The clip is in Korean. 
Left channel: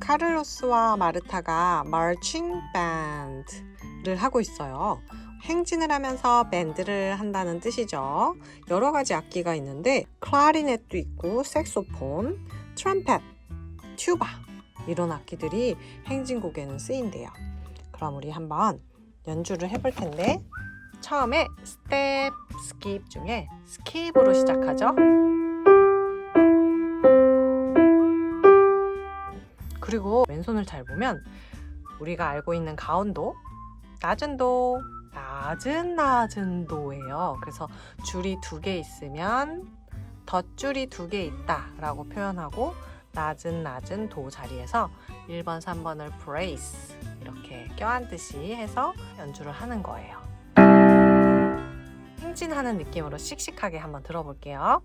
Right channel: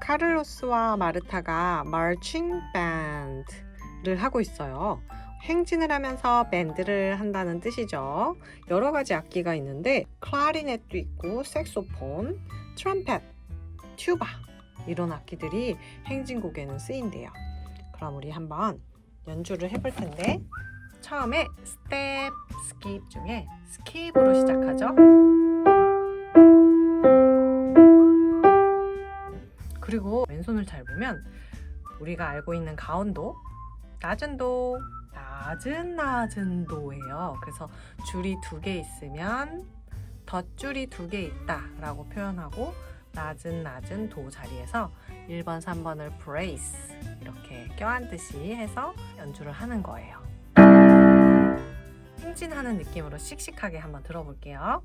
카를로스와 마르타가 marching band를 하고 있어요. 행진을 하면서 밴드를 한다는 뜻이죠. 여러 가지 악기가 있는데 클라리넷도 있고 색소폰, 트럼펫, 튜바 이런 악기들이 행진곡에는 쓰인대요. 그럼 우리 한번 연주를 해볼 텐데 처음에 스텝, 스킵 중에 스킵으로 시작하죠. 그리고 왼손을 잘 보면 우리가 알고 있는 가운도, 낮은 도, 낮은 도예요. 그래서 줄이 2개 있으면 덧줄이 2개 있다 라고 표현하고 낮은 도 자리에서 1번, 3번을 brace 이렇게 껴안듯이 해서 연주를 하는 거예요. 행진하는 느낌으로 씩씩하게 한번 들어볼게요.